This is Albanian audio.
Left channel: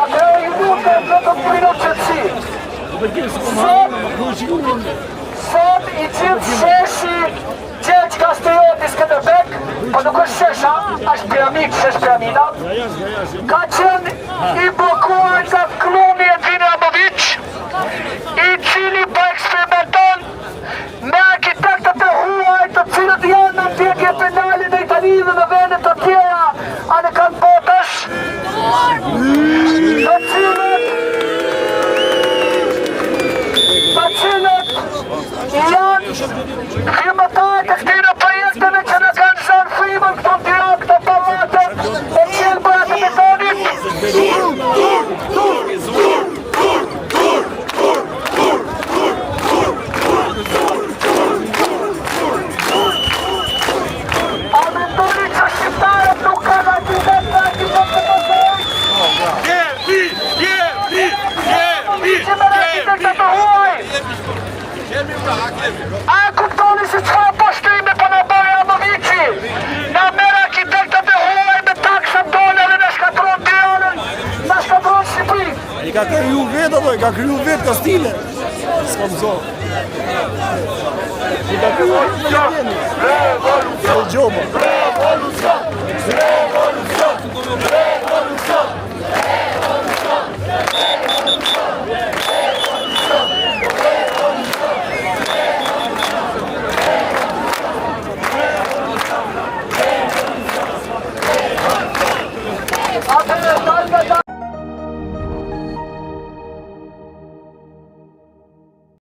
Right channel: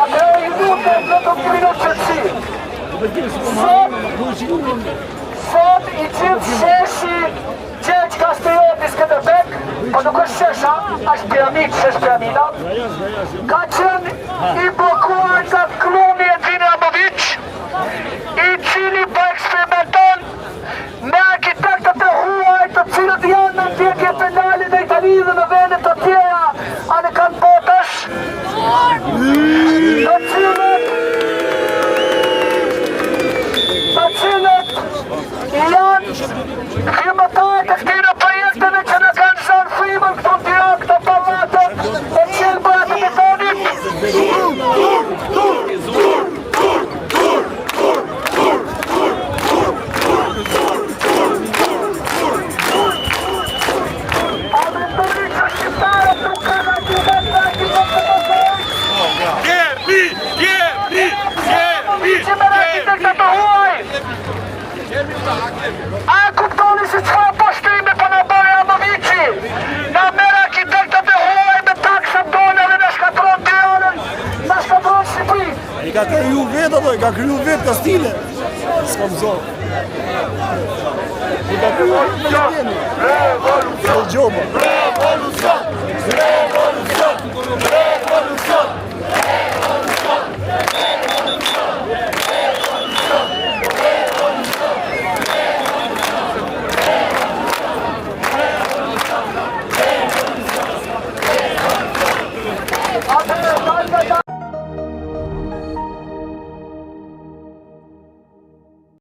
Atëherë ju lutem në të minut qëtësi. Sot i gjithë sheshi Gjergj Kastrioti Skënderbek, po nuk është shesha, është piramid, shesh piramida, ka qenë i blokuar nga klumi Edvin Ramović, i cili po eksperimenton me arkitektët e huaj të cilët janë në ndjekje penale në Itali dhe në vende të tjera anë kanë botësh, të cilët janë firmëtarë të këtyre projekteve që në kanë zënë frymën këto Tiranë, këto pallate e qelbëra të betonit. A mendoni që shqiptarët nuk kanë argument në arkitekt të mësojnë? A kuptoni se çfarë poshtime po na bëri Ramovići? Na merr arkitektët e huaj me taksa dolare në shkatron Tiranën, na shkatron Shqipërinë. I ka kriju vetë ato, i ka kriju vetë Kastile. S'ka mëso. I ka kriju revolucion. Revolucion. Revolucion. Revolucion.